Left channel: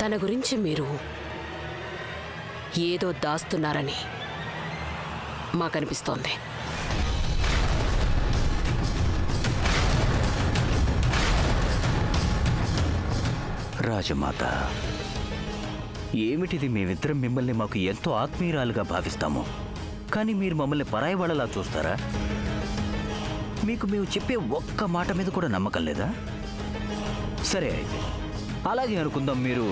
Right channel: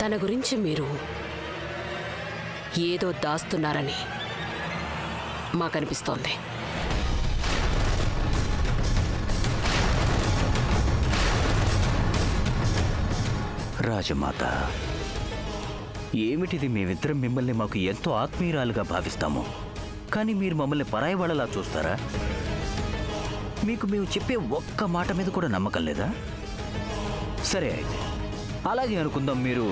తన గురించి మీరు ఏదో దాస్తున్నారని మాకనిపిస్తోంది. రాజమాత, ఏమిటిది? మేమిద్దరం మిమ్మల్ని మాకు ఎంతో ఆత్మీయురాలుగా భావిస్తాము, కానీ మీరు మమ్మల్ని పరాయి వాళ్ళలా చూస్తారా? మీకు మేము చెప్పే ఒక్క మాట మీద కూడా నమ్మకం లేదా? సరే అయితే అలాగే అనుకుందాం. మీరు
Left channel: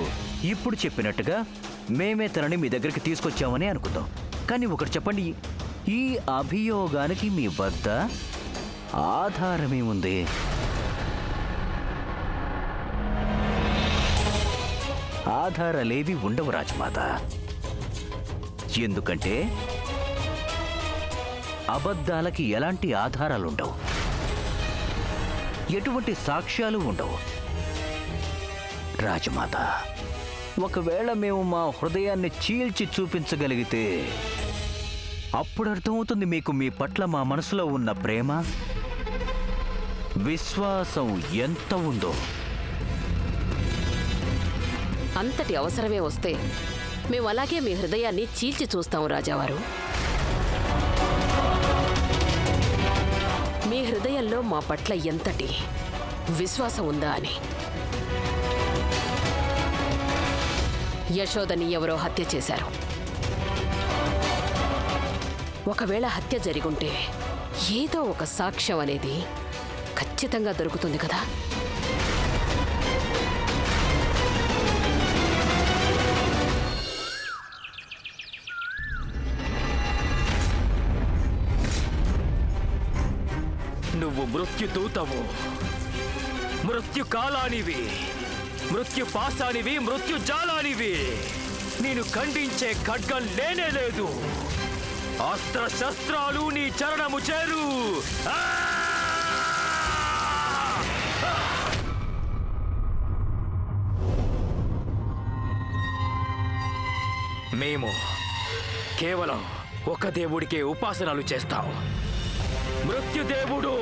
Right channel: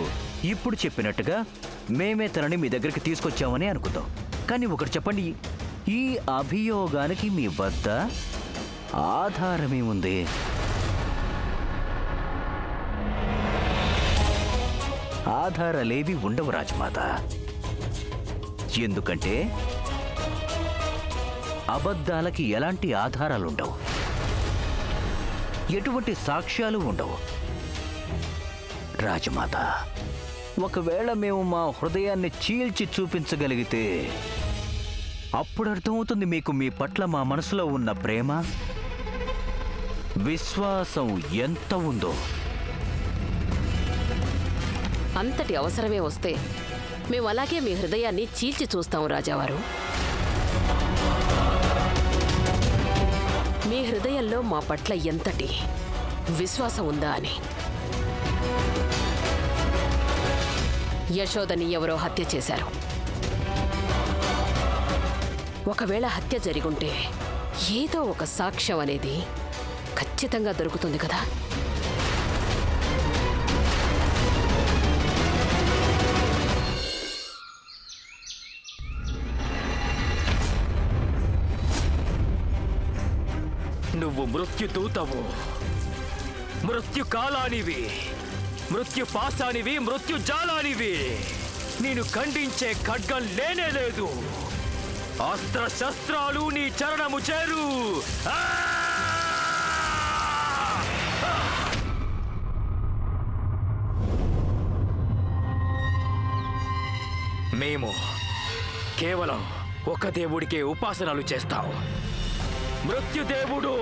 ఇప్పుడు చెప్పినట్టుగా మేమే తనని మీ దగ్గరికి తీసుకొచ్చామని అనుకుందాం. కానీ ఒకటి చెప్పండి, ఈ అభియోగానికి మీ వద్ద ఆధారమేముంది? ఆధారాలేవి ఉండవు రాజమాత. ఎందుకంటే అబద్ధాలకి ఎలాంటి ఆధారాలుండవు, ఎటువంటి సాక్ష్యాలు ఉండవు. రాజమాత, ఒకవేళ మేము మా హృదయాన్ని చీల్చి చూపించగలిగితే అప్పుడు అర్థమవుతుంది మీకు మీ పట్ల మా మనసులో ఉన్న ప్రేమ, విశ్వాసం ఎంత ఉందో. అంతటి అవసరమే వస్తే మేము అలాగే మీ హృదయాన్ని చీల్చి చూస్తాం రాజావారు. మీ హృదయంలో మా పట్ల ఎంతటి విశ్వాసం ఉందా అని. యశోదని ఎవరో హత్య చేశారు. ఒకవేళ హత్య జరిగుంటే ఏదో ఒక సాక్ష్యం అనేది ఖచ్చితంగా దొరుకుతుంది కదా. నువ్వు మృత్యుదూతవు, మృత్యుకాలానివి, మృత్యుపాశానివి, మృత్యుజాలానివి. నేను ఖండించే ఖడ్గం లేనే లేదు. అస్త్ర శస్త్రాలు నీ చరణము చేరు. మేము కేవలం ఒక దేవుడికే ఉపాసనలు చేస్తాం. మృత్యుదేవుడు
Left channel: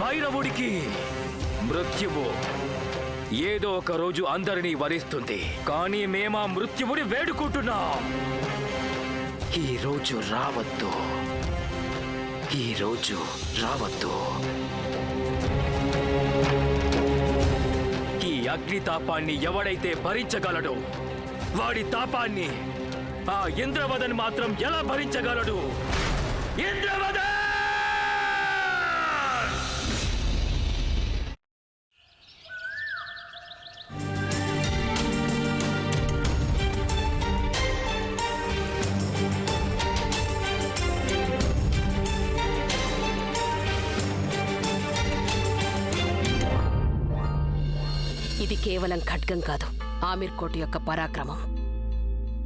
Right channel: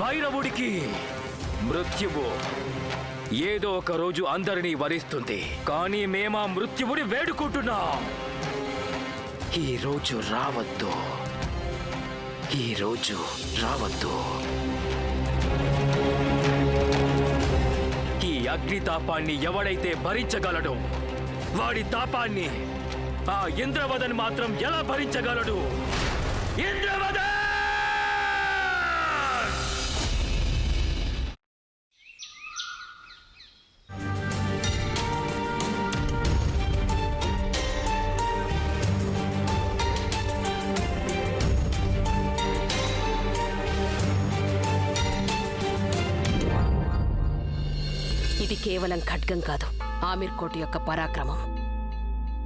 భైరవుడికి. మృత్యువు ఏదో ఒక రోజు అందరినీ వరిస్తుంది, కానీ మేమా మృత్యువుని వేడుకుంటున్నాం. ఈ రోజు రావద్దు, ఈ రోజు రావద్దు. ఈ అగ్నితాపాన్ని ఎవడైతే భరించగలడో వాడి తాపాన్ని ఆ ఇంద్రవదన్ మాత్రం ఎలా భరించగలడు? ఇంద్రవదన్! ఇది కేవలం ఖడ్గం కాదు, ఆమీర్ కోట యొక్క పరాక్రమం,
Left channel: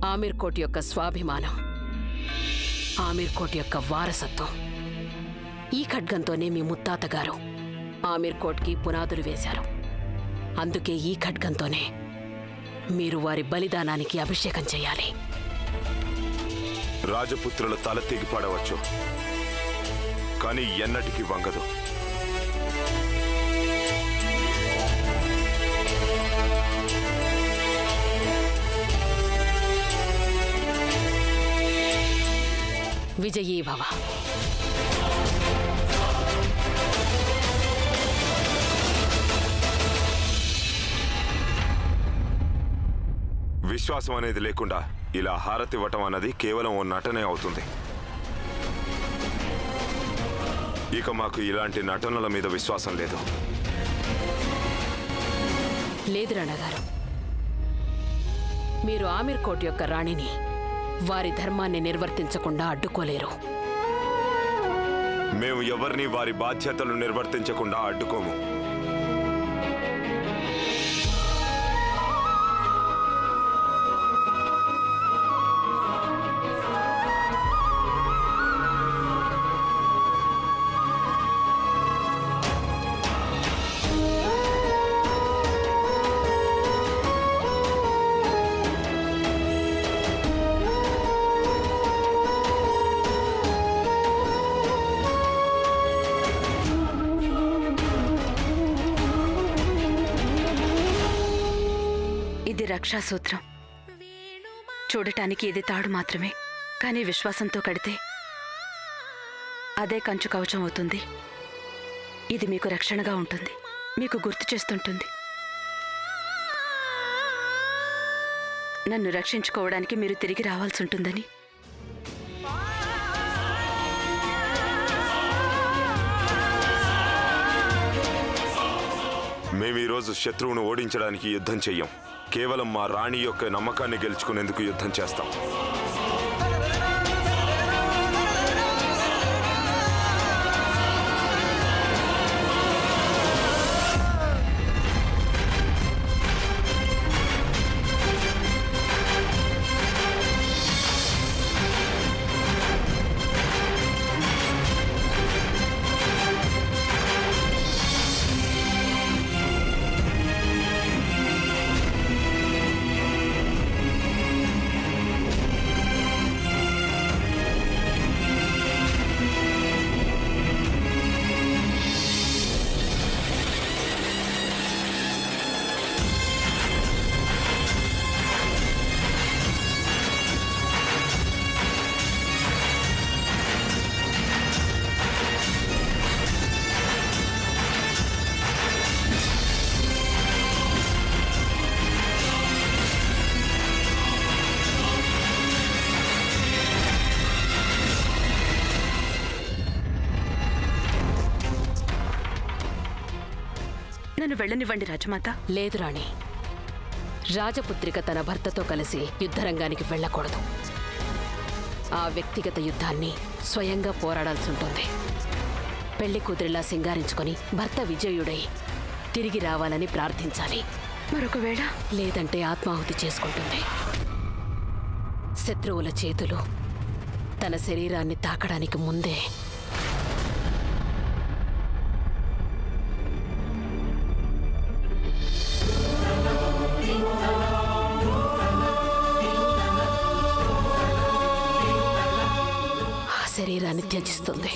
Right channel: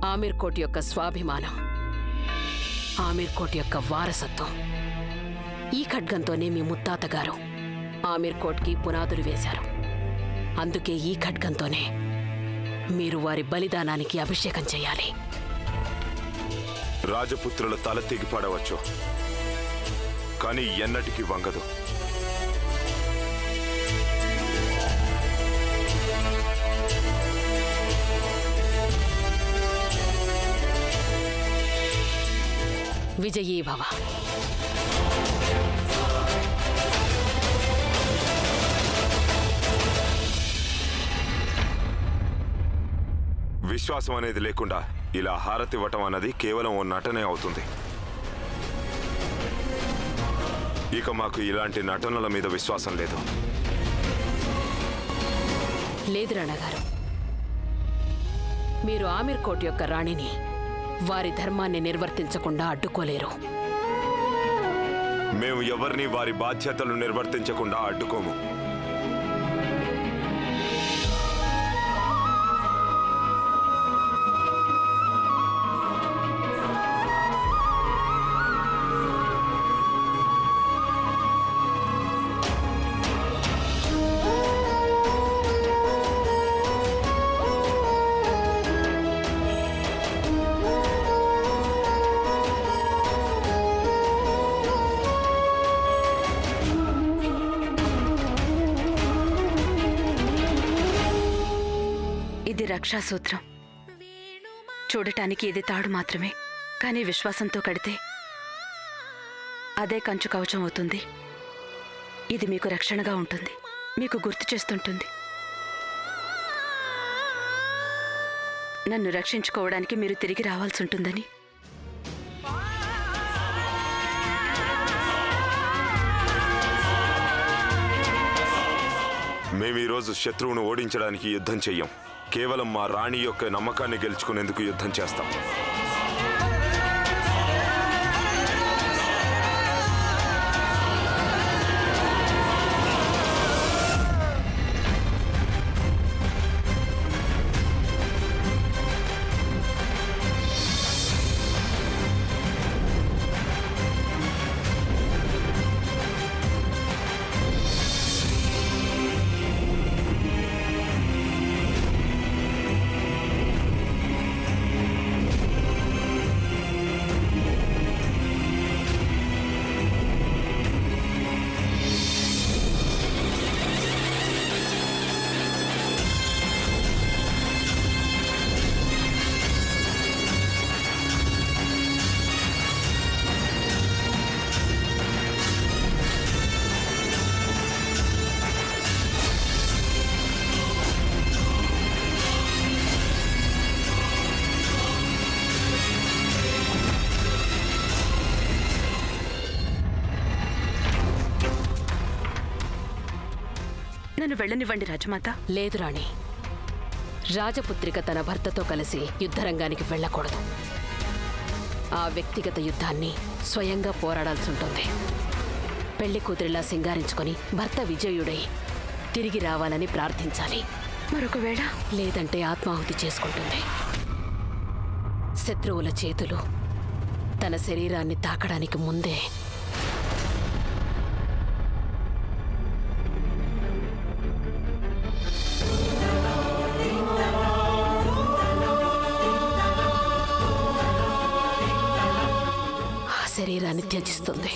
ఆమీర్ కోట యొక్క స్వాభిమానం, ఆమీర్ కోట యొక్క వారసత్వం. ఈ ఖడ్గంతోనే మీ ముత్తాత గారు ఆమీర్ కోట్కి పునాదులు వేశారు. అందుకే ఈ ఖడ్గంతోనే మీరు వారి బలిదానానికి అభిషేకం చేయాలి. రాజపుత్రుల తల తెగిపడవచ్చు, కానీ ఎన్నటికీ వంగదు. విజయీ భవ. విశ్వాసం అనేది లేకుండా ఇలా హారతి ఇవ్వటం అన్నది కేవలం ఓ నటనే అవుతుంది. ఇక మాకు ఇలాంటి నటనల మీద విశ్వాసం లేదు. లేదు రాణగారు, మీరు ఆమీర్ కోట యొక్క రాణిని వారి ధర్మాన్ని నిర్వర్తించకుండా అడ్డుకోలేరు. మేము ఎవరిని వారి బాధ్యతలు నిర్వర్తించకుండా అడ్డుకోము. ఇది రక్షాసూత్రం. చూడటానికి ఇది తాడు మాత్రమే, కానీ విశ్వాసంతో కడితే అదే కంచు కవచం అవుతుంది. ఇది మీకు రక్షణగా ఉంటుంది, మీకు గుర్తు చేస్తుంటుంది. నన్ను రక్షించుకోవడానికి మీరు తిరిగి రావాల్సి ఉంటుందని. మేము ఈరోజు శత్రువును ఓడించడానికి యుద్ధం చెయ్యం. కేవలం మా రాణి యొక్క నమ్మకాన్ని గెలుచుకునేందుకు యుద్ధం చేస్తాం. నన్ను వెళ్ళనివ్వండి రాజమాత. లేదు రాణి, రాజపుత్రిక తన భర్తతో కలిసి యుద్ధరంగానికి వెళ్ళకూడదు. ఆ వ్యక్తిగత యుద్ధాన్ని స్వయంగా పోరాడాల్సి ఉంటుంది. పెళ్లి కూతురిలా సింగారించుకొని భర్త విజయుడై తిరిగి రావాలని ప్రార్థించాలి. మరొకవేళ లేదంటే ఆత్మాహుతి చేసుకుంటుంది. శత్రువుల చేతులు తన శరీరాన్ని తాకడానికి ముందే శరీరాన్ని త్యజిస్తుంది.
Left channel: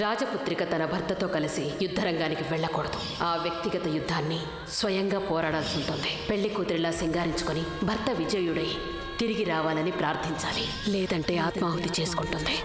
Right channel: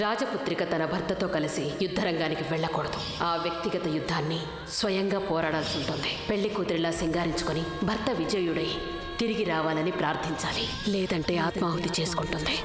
రాజపుత్రిక తన భర్తతో కలిసి యుద్ధరంగానికి వెళ్ళకూడదు. ఆ వ్యక్తిగత యుద్ధాన్ని స్వయంగా పోరాడాల్సి ఉంటుంది. పెళ్లి కూతురిలా సింగారించుకొని భర్త విజయుడై తిరిగి రావాలని ప్రార్థించాలి. లేదంటే ఆత్మాహుతి చేసుకుంటుంది.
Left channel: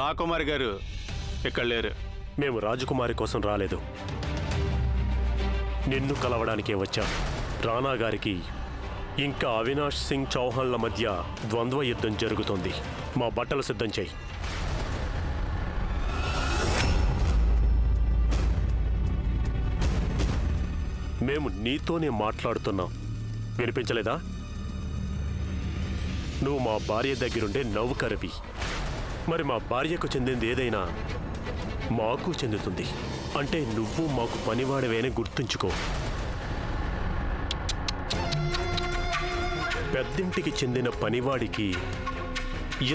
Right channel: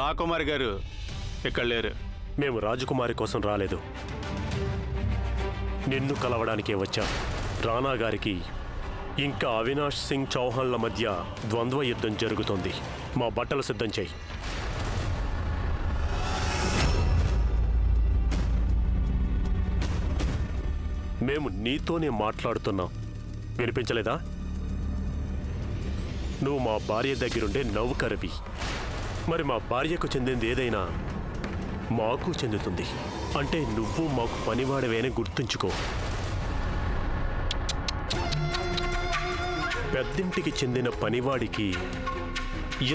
రాకుమారి గారు ఇక్కడ లేరు. మేము రాజకుమారి కోసం రాలేదు, నిన్ను కలవడానికే వచ్చాం. రాణా గారికి ఇంకా అవినాష్ సింగ్ చౌహాన్ల మధ్య ద్వంద్వ యుద్ధం జరుగుతోంది. మా బట్టలు సిద్ధం చేయి. మేము నీతోనే మాట్లాడుతున్నాం, వినిపించలేదా? నువ్వు మా భార్య దగ్గరుండే నౌకరవి. మరి మా భార్యకు చెందింది ఏదైనా మాకు చెందుతుంది. అంటే నువ్వు మాకు పనివాడవేనే గుర్తుంచుకో. పెద్దింటికి చెందిన పనివాడికి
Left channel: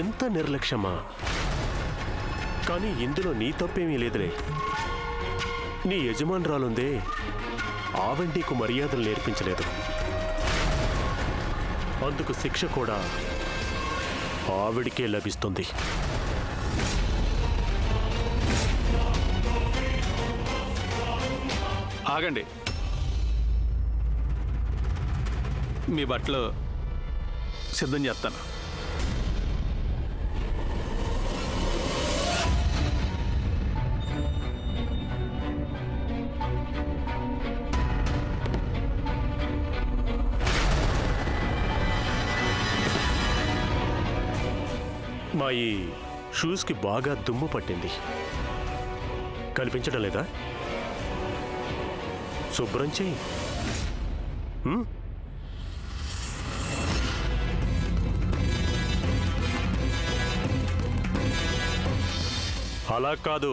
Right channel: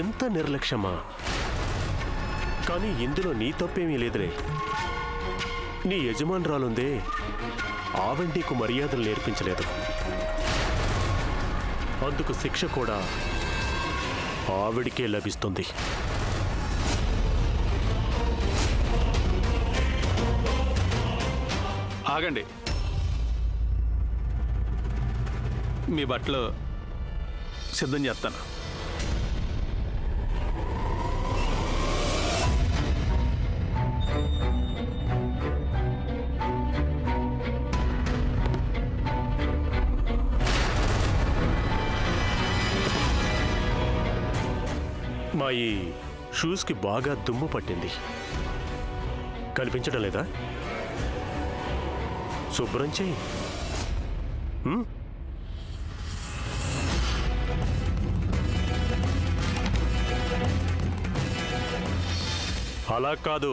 ఎంత నిర్లక్ష్యమా? కానీ ఇందులో నీ తప్పేమీ లేదులే. నీ యజమానురాలుందే, ఆవిడ నీకు మర్యాదలు నేర్పించలేదు. అందుకు శిక్ష కూడా ఆవిడికే లభిస్తుంది. ఆగండి. మీ బట్టలు సిద్ధం చేస్తాను. మా ఈ షూస్కి బాగా దుమ్ము పట్టింది, కనిపించడం లేదా? శుభ్రం చెయ్యి. అలా కాదు,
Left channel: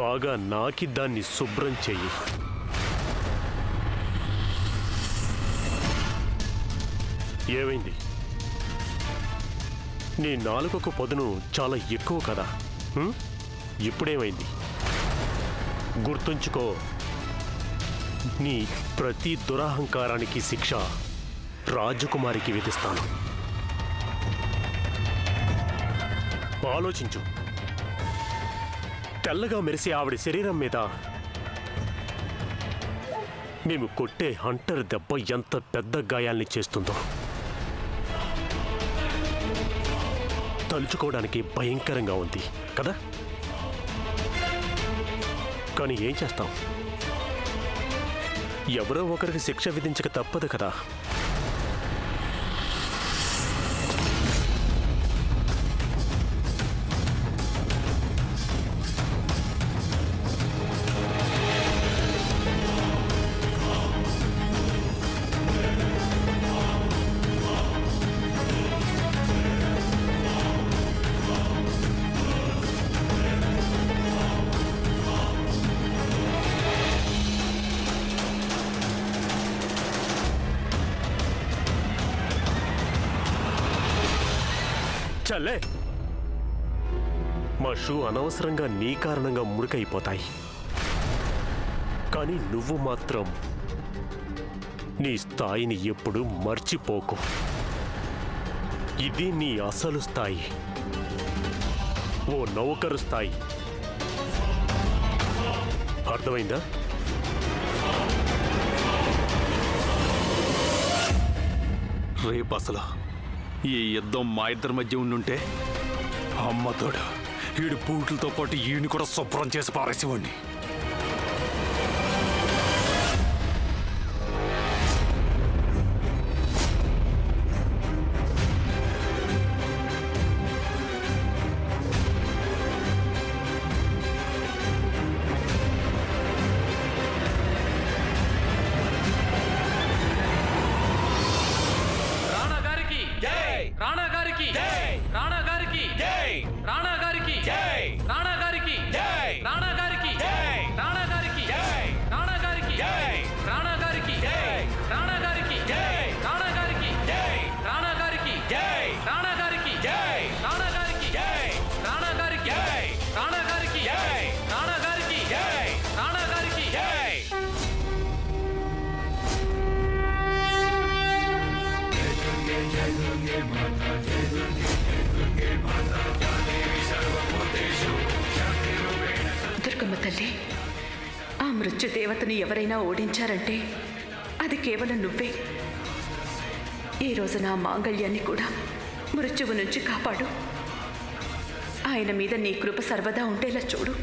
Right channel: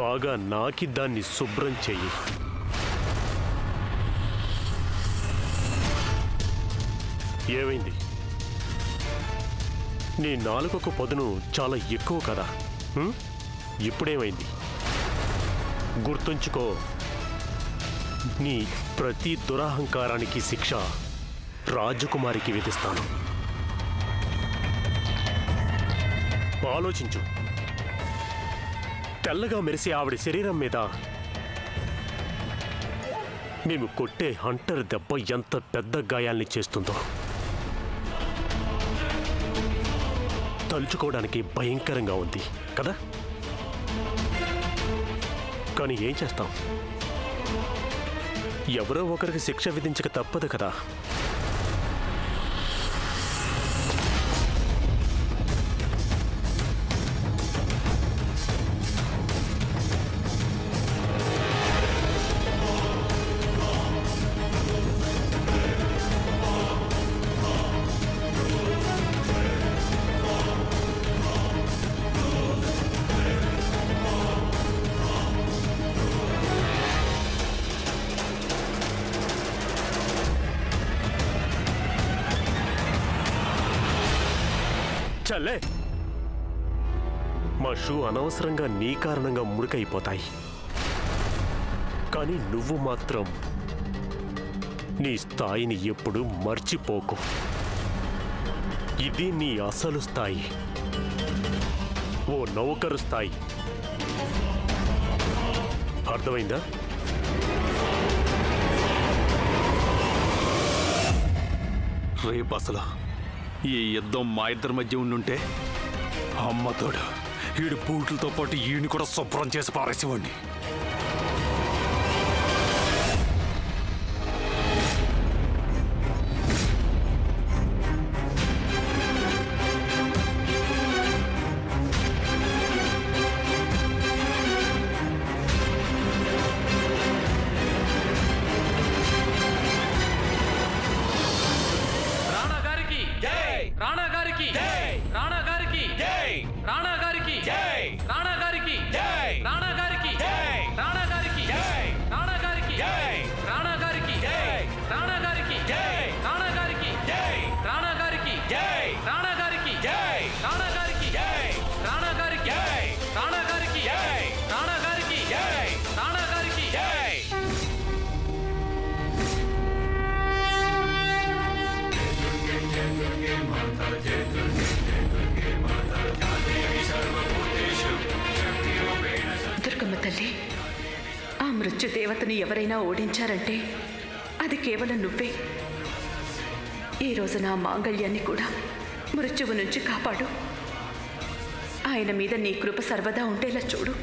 బాగా నాకి దాన్ని శుభ్రం చెయ్యి. ఏమైంది? నీ నాలుకకు పదును చాలా ఎక్కువ కదా. ఇప్పుడేమైంది? గుర్తుంచుకో, నీ ప్రతి దురహంకారానికి శిక్ష రాజకుమారికి విధిస్తాను. ఆలోచించు. తెల్లగా మెరిసే ఆవిడ శరీరం మీద మేము కొట్టే హంటర్ దెబ్బ ఎంత పెద్ద గాయాల్ని చేస్తుందో తలుచుకోవడానికి భయంకరంగా ఉంది కదా. కానీ ఏం చేస్తాం? ఎవరో ఒకరికి శిక్ష విధించక తప్పదు కదా. చల్లే, మా షూ అనవసరంగా నీ కారణంగా మురికైపోతాయి. కానీ నువ్వు మాత్రం నీ స్థాయిని ఎప్పుడు మర్చిపోకు. ఇది నీ అసలు స్థాయి, ఓ నౌకరు స్థాయి. అర్థమైందా? రేపు అసలు ఈ యుద్ధం మా ఇద్దరి మధ్య ఉండుంటే అమ్మతోడు ఈడు బూట్లతో పాటు ఈయన్ని కూడా శుభ్రం చేసి పారేసేవాడిని. రాణా గారికి రాణా గారికి రాణా గారికి రాణా గారికి రాణా గారికి రాణా గారికి రాణా గారికి రాణా గారికి రాణా గారికి రాణా గారికి రాణా గారికి రాణా గారికి రాణా గారికి రాణా గారికి రాణా గారికి రాణా గారికి రాణా గారికి దుర్గమ్మ తల్లి, ఆ మృత్యుదేవతని ఎవరైనా ఓడించారంటే అది కేవలం నువ్వే. ఈ రోజు నా మాంగళ్యాన్ని కూడా మృత్యువు నుంచి కాపాడు. ఆయన మీద నీ కృప సర్వదా ఉండేలా చూడు.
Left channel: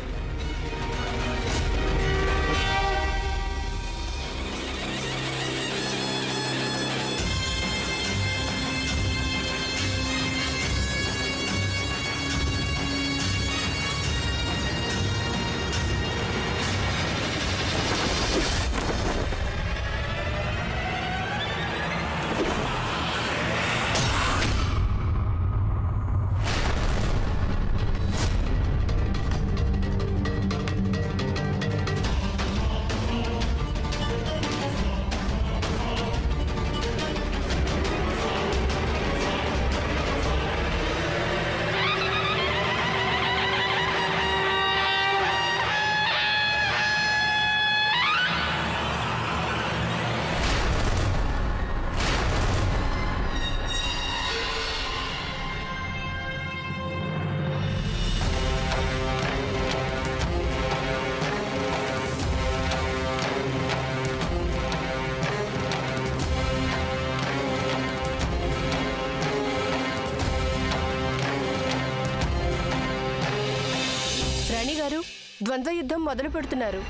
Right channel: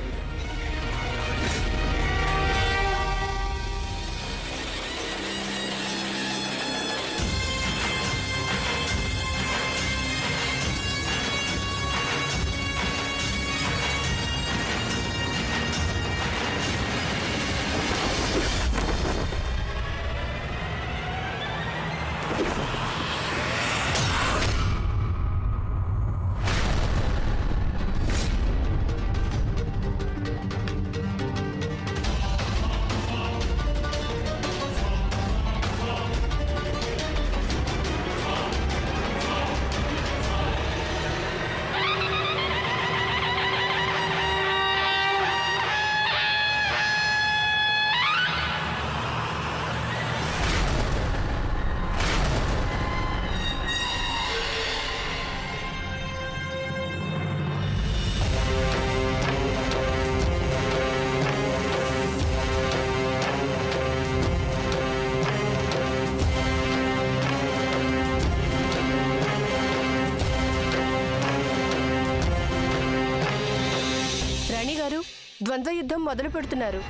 రాణి గారు ద్వంద్వ యుద్ధం మొదలు పెడుతున్నారు.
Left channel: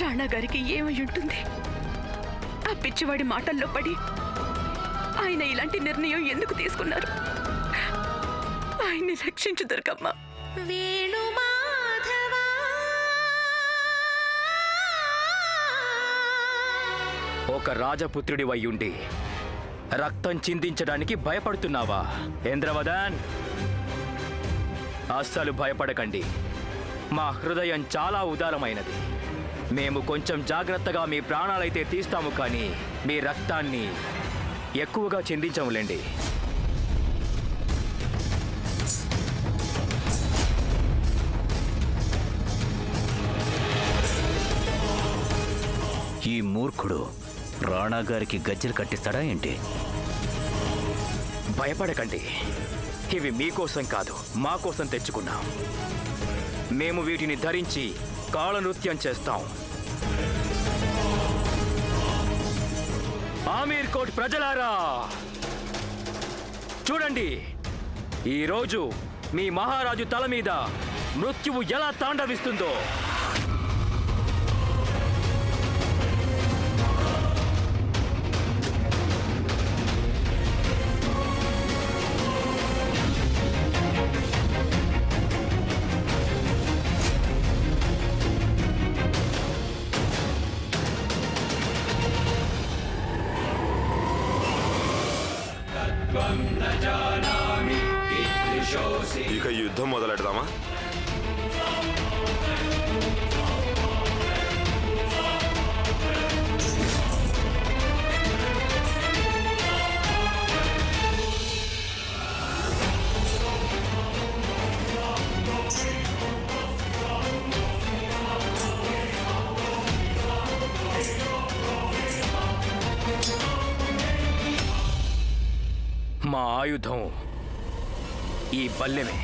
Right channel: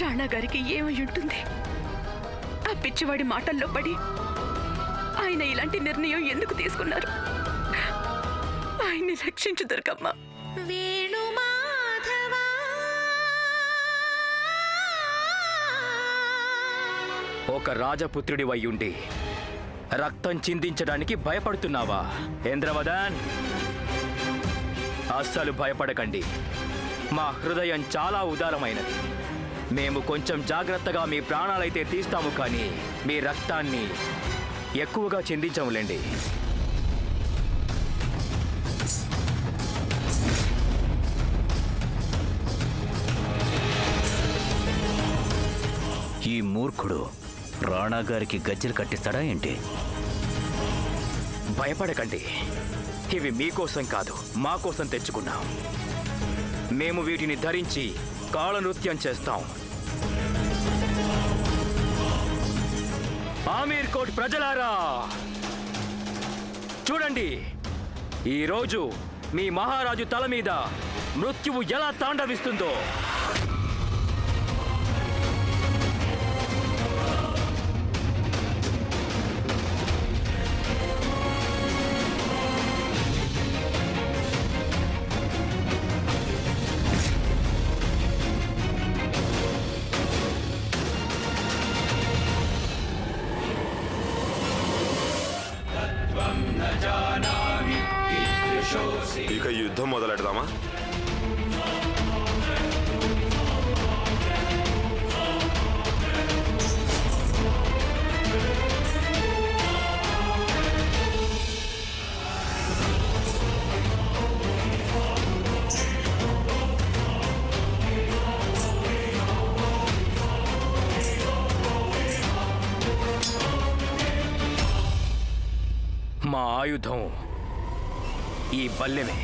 రాణా గారికి ఏమై ఉంటుంది? ఆ పిచ్చివాడి మాటల్లో పడి ఆయన ఇలాంటి నిర్ణయం ఎందుకు తీసుకున్నారు? ఆయన్ని రక్షించు దుర్గమ్మ. ఒక రాజపుత్రుడి వయ్యుండి రక్తం చిందించడానికి భయపడుతున్నావా ఇంద్రవదన్? అస్సలు భయపడకండి. మా హృదయం చాలా ఉదారమైనది. మేము కొంచెం జాగ్రత్తగా మీ ప్రాణాలైతే తీస్తాము, కానీ మీ రక్తాన్ని ఎక్కువగా చిందించములేండి. ఈ మూర్ఖుడు రాణా గారికి గజ్జెలు కట్టిస్తాడా ఏంటి? భయపడకండి. ఇవి మీకోసం కాదు, మా కోసం తెచ్చుకున్నాం. మేము వీటిని ధరించి కాళనృత్యం చేస్తాం. ఆమీర్ కోట్ ప్రజలారా, చూడండి, ఈరోజు మీ మహారాజు తల మీద మృత్యువు ఎలా తాండవిస్తుందో. ఇక యుద్ధం మొదలెడదామా? మా ఆయుధం ఈ బల్లెమే.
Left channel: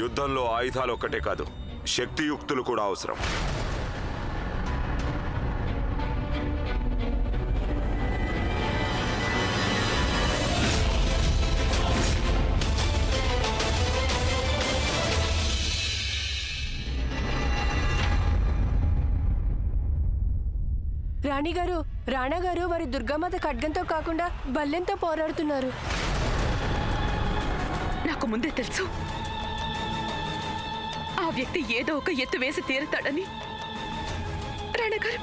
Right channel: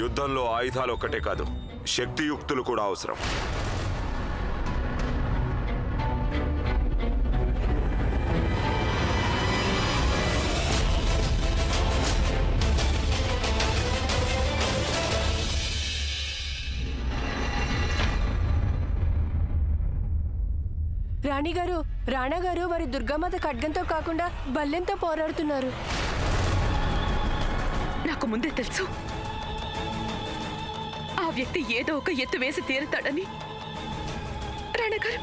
యుద్ధంలో ఆయుధాలు ఒక్కటే కాదు, శక్తియుక్తులు కూడా అవసరం. రాణి గారు, రాణా గారు వారి దుర్గామాత ఖడ్గంతో కాకుండా బల్లెంతో పోరాడుతున్నారు. నాకు ముందే తెలుసు ఆ వ్యక్తి ఏదో ఒక ఎత్తు వేసి తీరుతాడని. రాణా గారు,